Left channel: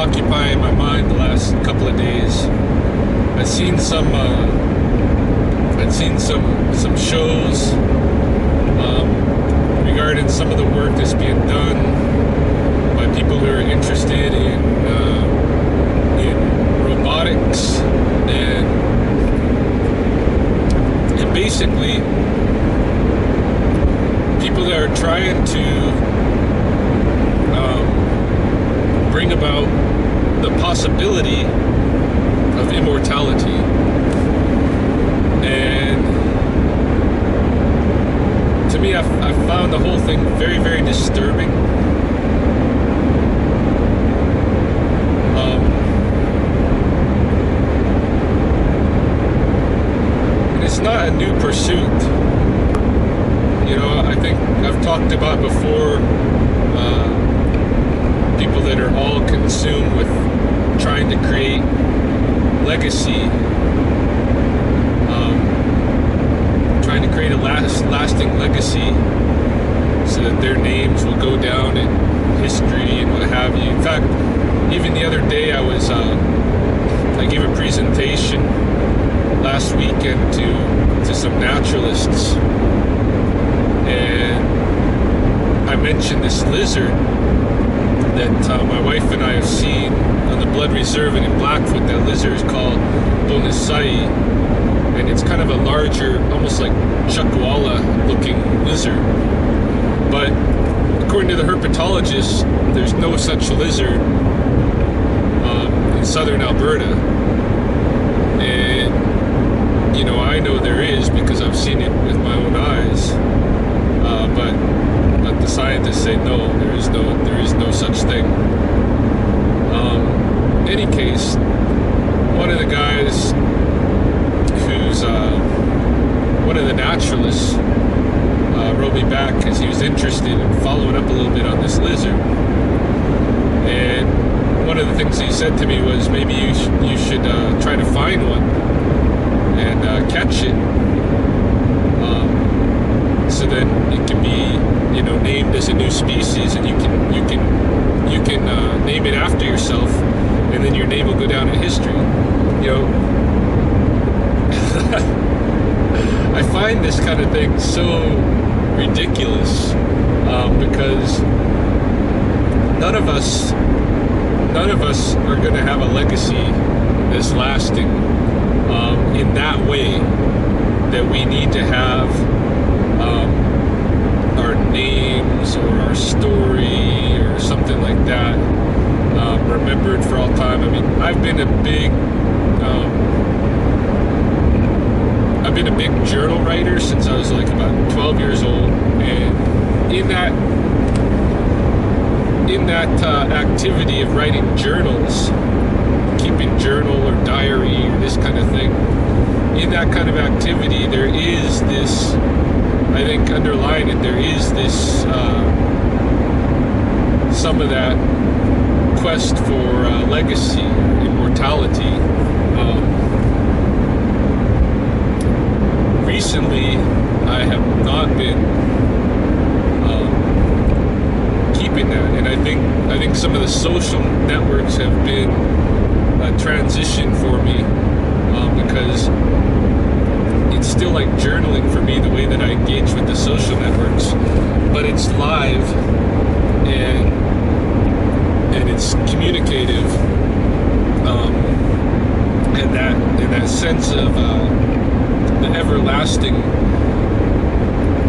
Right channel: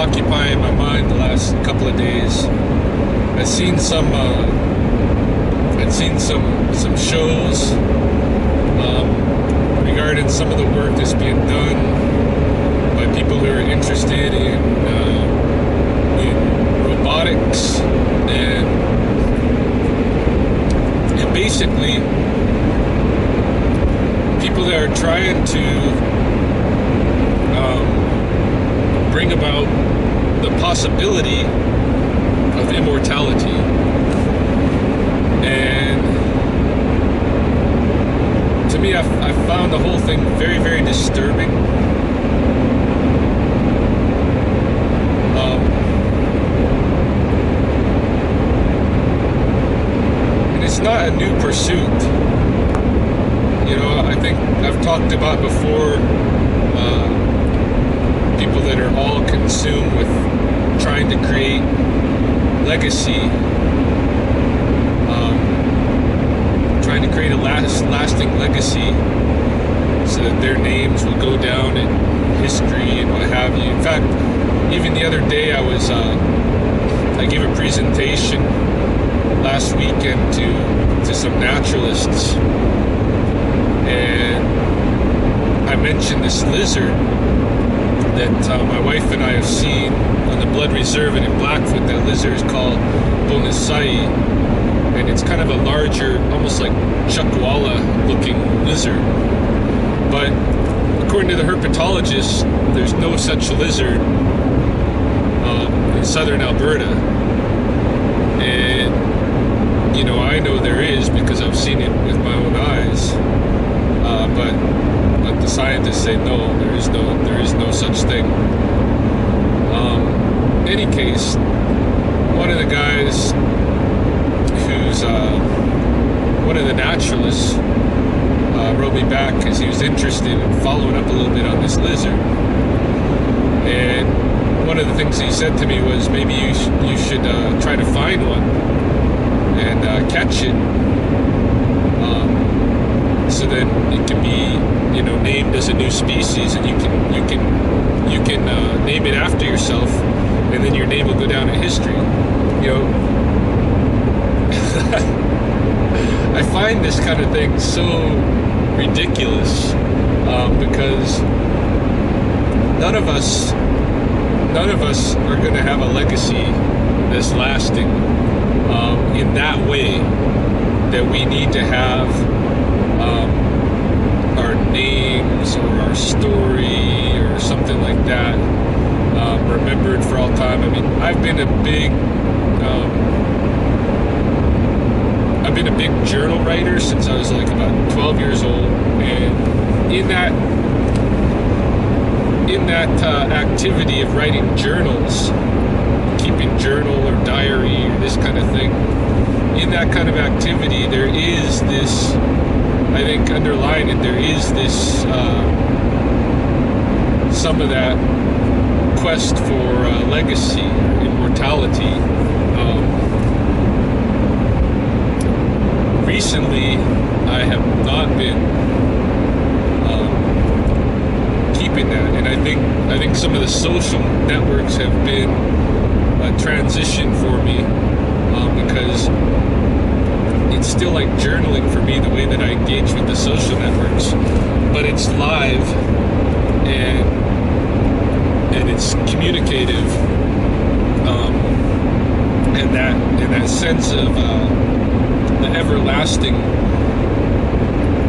occupying my mind the last couple of days. I've seen some shows regarding some of the work that's being done by people who are interested in robotics and basically people that are trying to bring about the possibility of immortality. And to me, I found the whole thing very, very disturbing. And it's not a new pursuit. You know, I think I've talked about before people that are all consumed with trying to create legacy, trying to create a lasting legacy so that their names will go down in history and what have you. In fact, even the other day I gave a presentation last weekend to some naturalists, and I mentioned this lizard that my wife and I have seen on the Blood Reserve and in Blackfoot. That lizard is called Bonasai, and it's kind of a larger, almost like chuckwalla looking lizard. But according to the herpetologists, there's no such lizard in southern Alberta. And you know, I know there is because I've seen it with my own eyes. But the scientists say no, there is no such thing. In any case, one of the guys who's one of the naturalists wrote me back because he was interested in following up a little bit on this lizard. And one of the things he said to me was, maybe you should try to find one and catch it, so then it can be, you know, named as a new species, and you can name it after yourself, and then your name will go down in history. You know, I find this kind of thing so ridiculous, because none of us are going to have a legacy that's lasting in that way, that we need to have our names or our story or something like that remembered for all time. I mean, I've been a big journal writer since I was like about 12 years old, and in that activity of writing journals, keeping journal or diary or this kind of thing, in that kind of activity, there is this, I think underlying it, there is this some of that quest for legacy, immortality. Recently, I have not been keeping that, and I think some of the social networks have been a transition for me, because it's still like journaling for me, the way that I engage with the social networks, but it's live and it's communicative, and that sense of the everlasting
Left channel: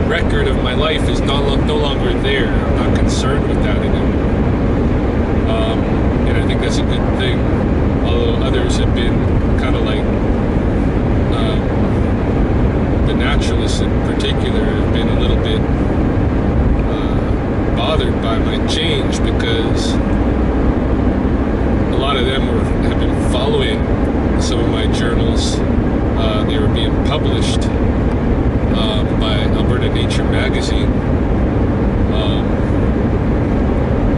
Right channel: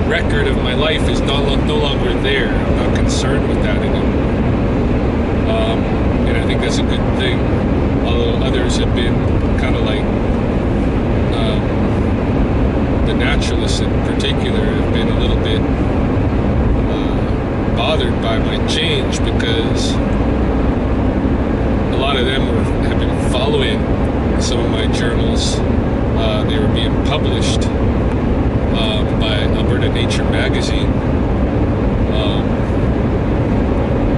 record of my life is no longer there. I'm not concerned with that anymore, and I think that's a good thing. Although others have been kind of like the naturalists in particular have been a little bit bothered by my change, because a lot of them have been following some of my journals. They were being published by Alberta Nature magazine.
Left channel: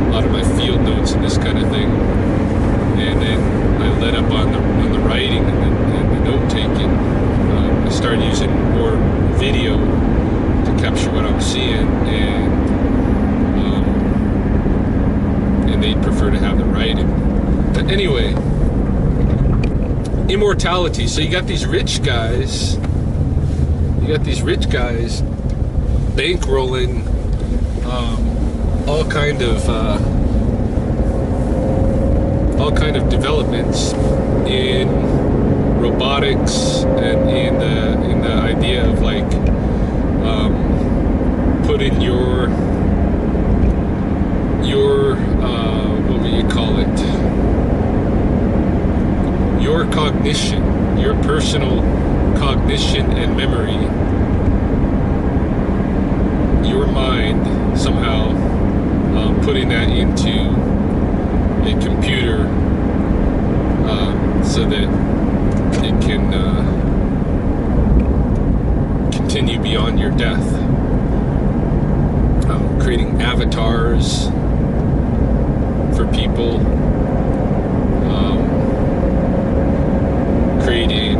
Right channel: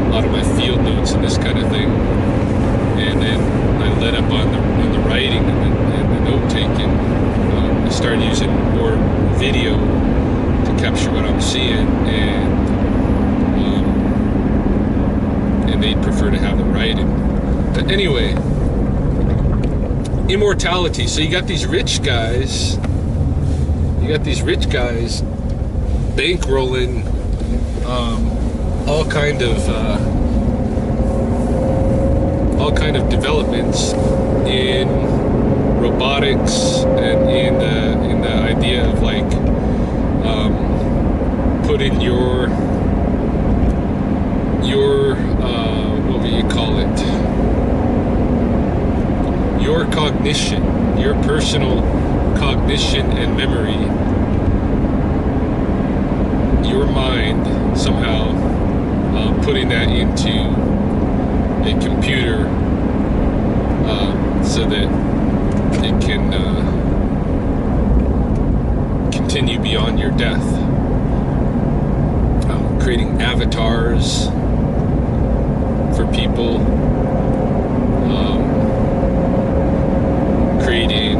A lot of my field notes and this kind of thing, and then I led up on the writing and the note taking. I started using more video to capture what I'm seeing, and they'd prefer to have the writing. But anyway, immortality. So you got these rich guys. Bankrolling all kind of developments in robotics and in the idea of like putting your what would you call it? Your cognition, your personal cognition and memory, your mind somehow putting that into a computer so that it can continue beyond your death. Creating avatars for people, creating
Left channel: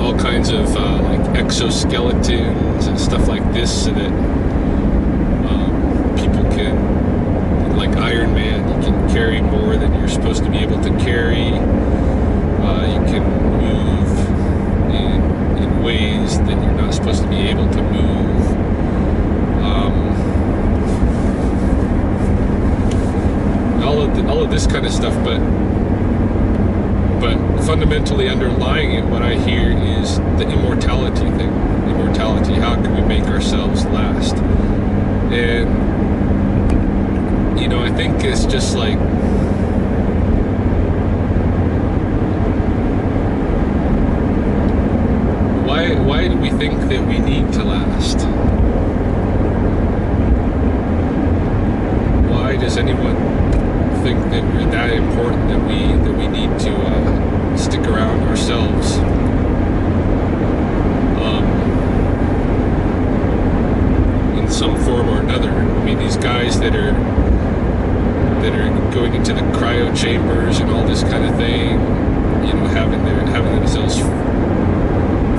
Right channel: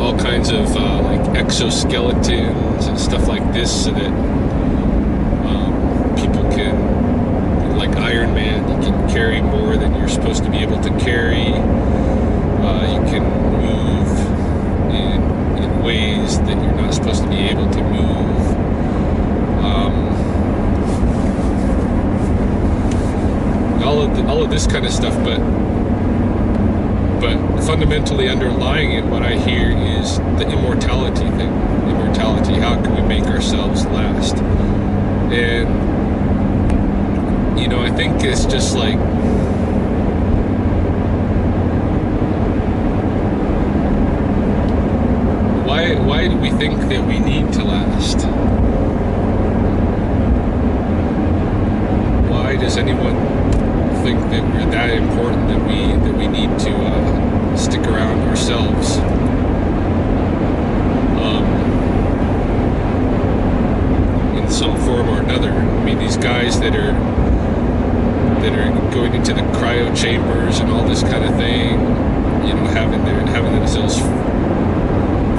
all kinds of like exoskeletons and stuff like this, so that people can, like Iron Man, you can carry more than you're supposed to be able to carry. You can move in ways that you're not supposed to be able to move. All of this kind of stuff, but fundamentally underlying it, what I hear is the immortality thing. Immortality, how can we make ourselves last? And, you know, I think it's just like, why do we think that we need to last? Why does anyone think that we're that important that we need to stick around ourselves? In some form or another. I mean, these guys that are going into the cryo chambers and all this kind of thing, you know, having themselves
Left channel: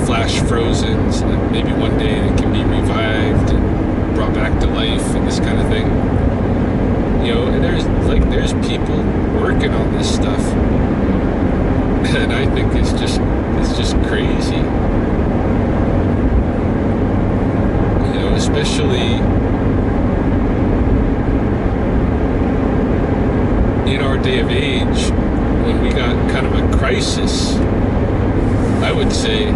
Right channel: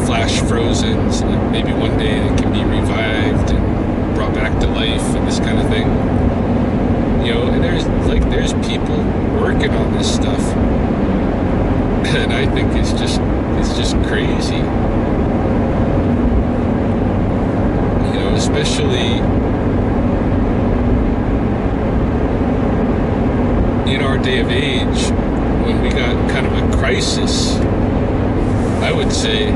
flash frozen so that maybe one day they can be revived and brought back to life and this kind of thing. You know, and there's people working on this stuff, and I think it's just crazy. You know, especially in our day of age, when we got kind of a crisis, I would say,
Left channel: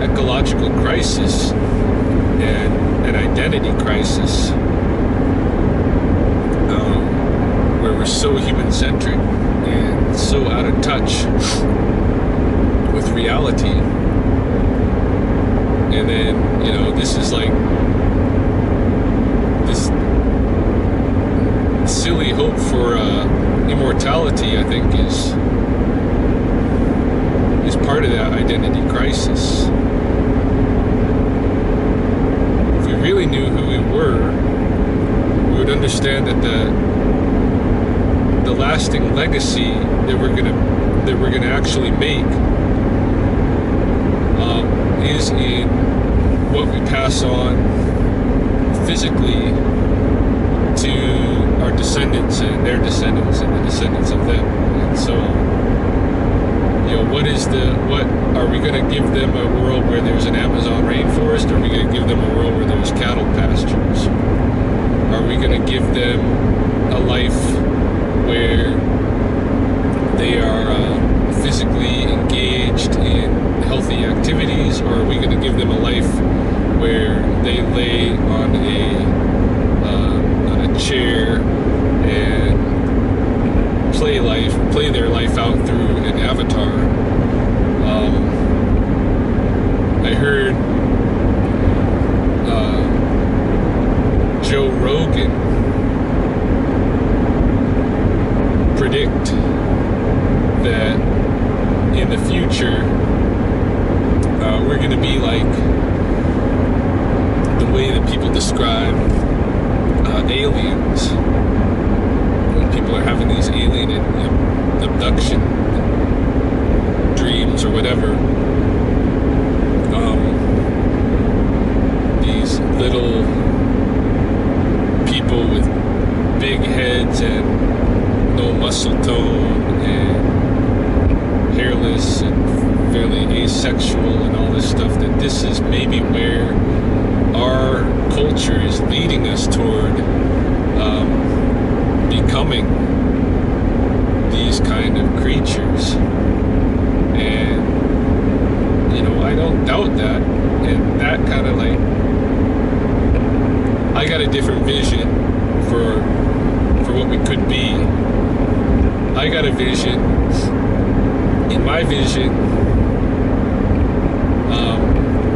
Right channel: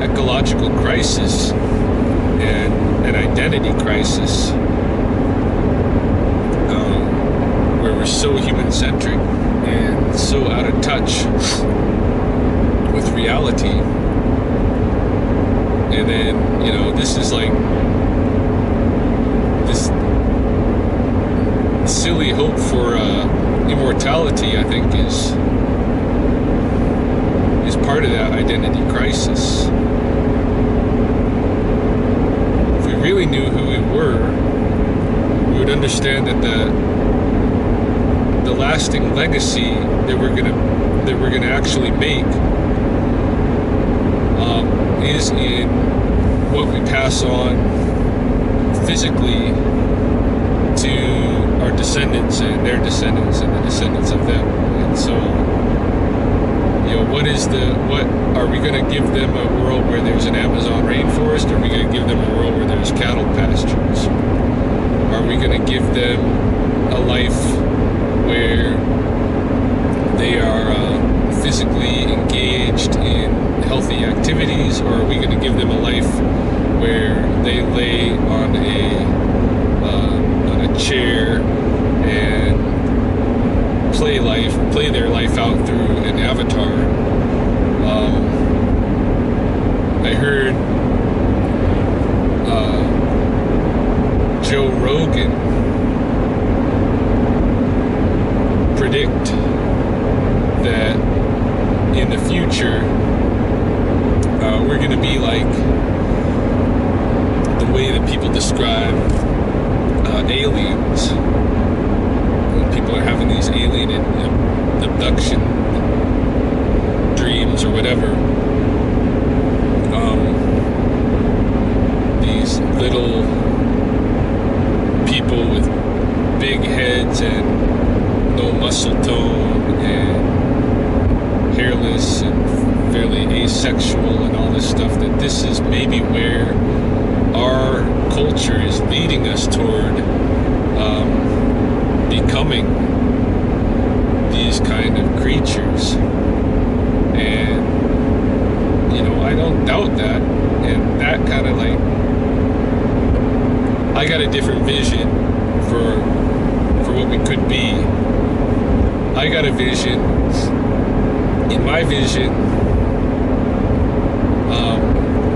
ecological crisis and an identity crisis. Where we're so human-centric and so out of touch with reality. And then, you know, this is like this silly hope for immortality, I think, is part of that identity crisis. If we really knew who we were, we would understand that the lasting legacy that we're gonna actually make is in what we pass on physically to our descendants and their descendants and the descendants of them. And so, you know, what are we gonna give them a world where there's an Amazon rainforest? Or are we gonna give them a world where there's cattle pastures? Are we gonna give them a life where they are physically engaged in healthy activities, or are we going to give them a life where they lay on a chair and play their life out through an avatar? I heard Joe Rogan predict that in the future we're going to be like the way that people describe aliens. When people are having these alien abduction dreams or whatever, these little people with big heads and no muscles this is maybe where our culture is leading us toward becoming these kind of creatures. And, you know, I don't doubt that. And that kind of like, I got a different vision for what we could be. I got a vision. In my vision,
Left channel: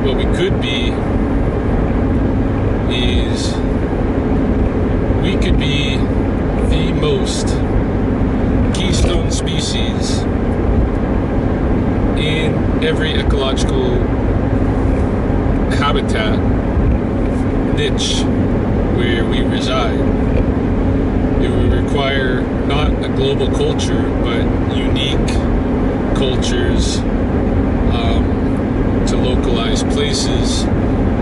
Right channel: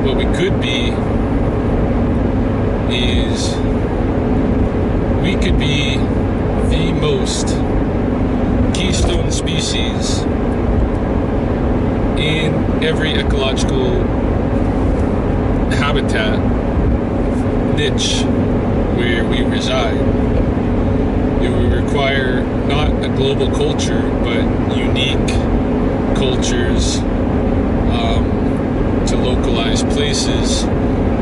what we could be is we could be the most keystone species in every ecological habitat niche where we reside. It would require not a global culture, but unique cultures to localized places,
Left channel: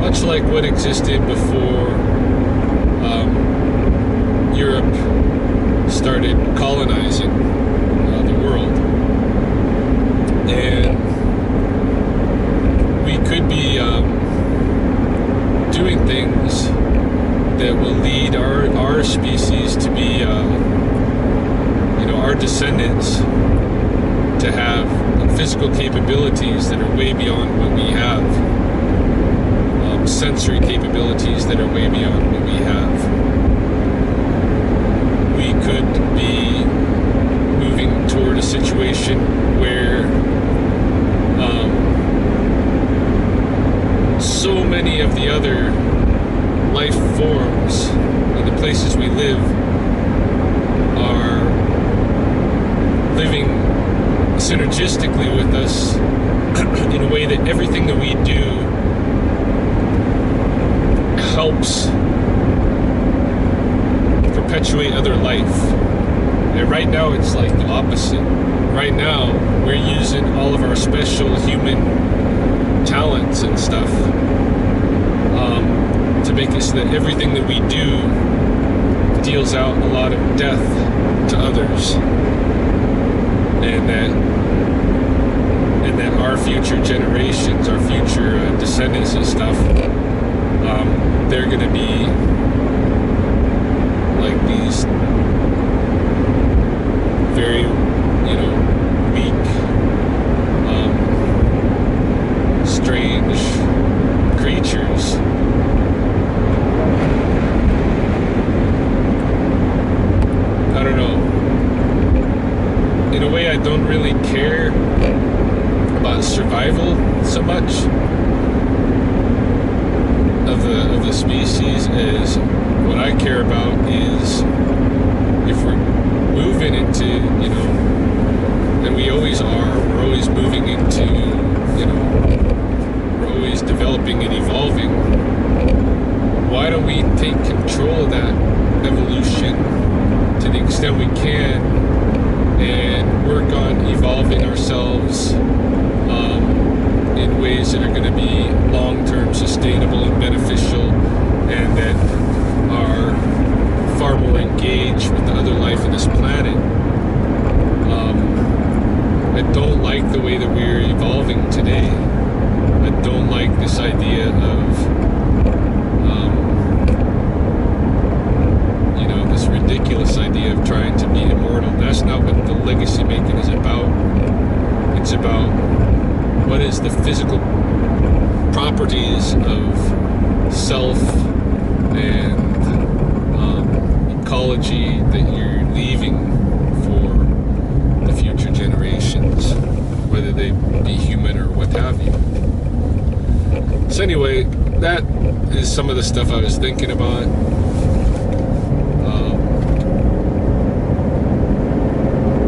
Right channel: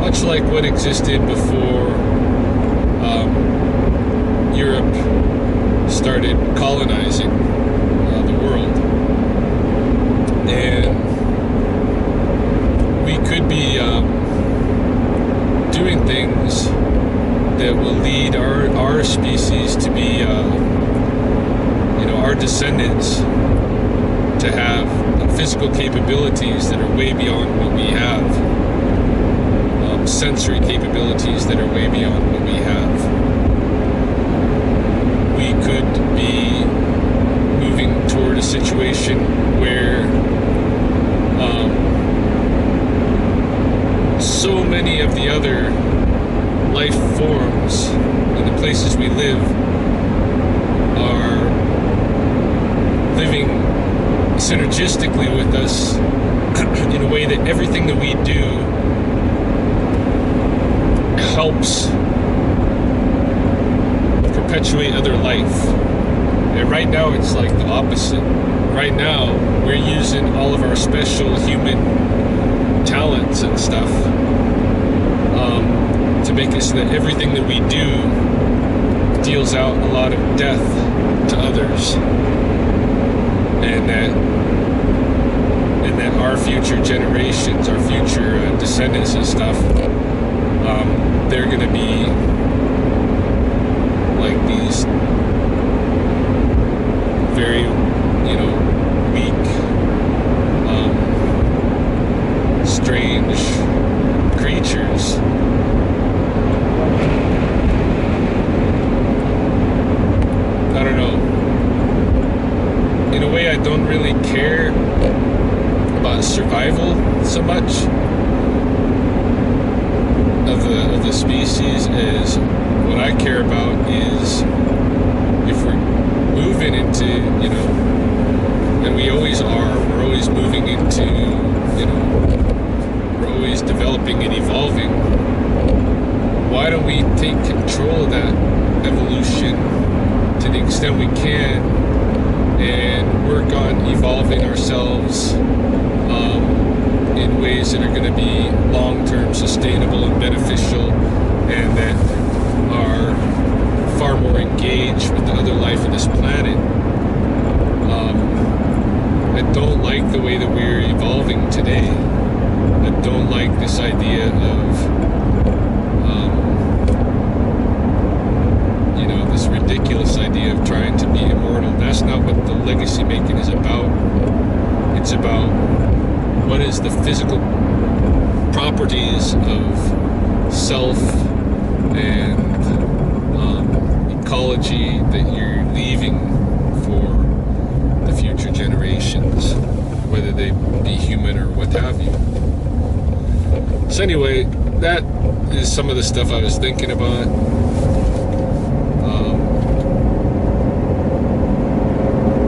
much like what existed before Europe started colonizing the world. And we could be doing things that will lead our species to be, you know, our descendants to have physical capabilities that are way beyond what we have, sensory capabilities that are way beyond what we have. We could be moving toward a situation where so many of the other life forms in the places we live are living synergistically with us in a way that everything that we do helps perpetuate other life. And right now it's like the opposite. Right now we're using all of our special human talents and stuff to make it so that everything that we do deals out a lot of death to others, and that our future generations, our future descendants and stuff, they're going to be like these very, you know, weak, strange creatures. I don't know. In a way, I don't really care about survival so much of the species, as what I care about is if we're moving into, you know, and we always are, we're always moving into, you know, we're always developing and evolving. Why don't we take control of that evolution to the extent we can and work on evolving ourselves in ways that are going to be long-term sustainable and beneficial, and that are far more engaged with the other life on this planet. I don't like the way that we're evolving today. I don't like this idea of you know, this ridiculous idea of trying to be immortal. That's not what the legacy making is about. It's about what is the physical properties of self and ecology that you're leaving for the future generations, whether they be human or what have you. So anyway, that is some of the stuff I was thinking about.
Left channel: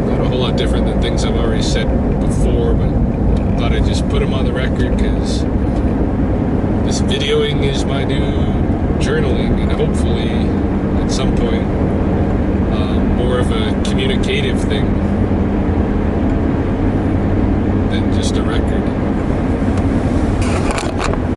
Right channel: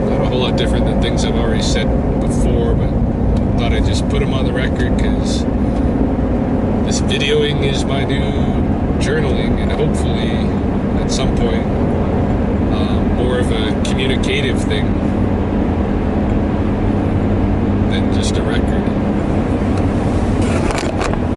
Not a whole lot different than things I've already said before, but thought I'd just put them on the record because this videoing is my new journaling, and hopefully at some point more of a communicative thing than just a record.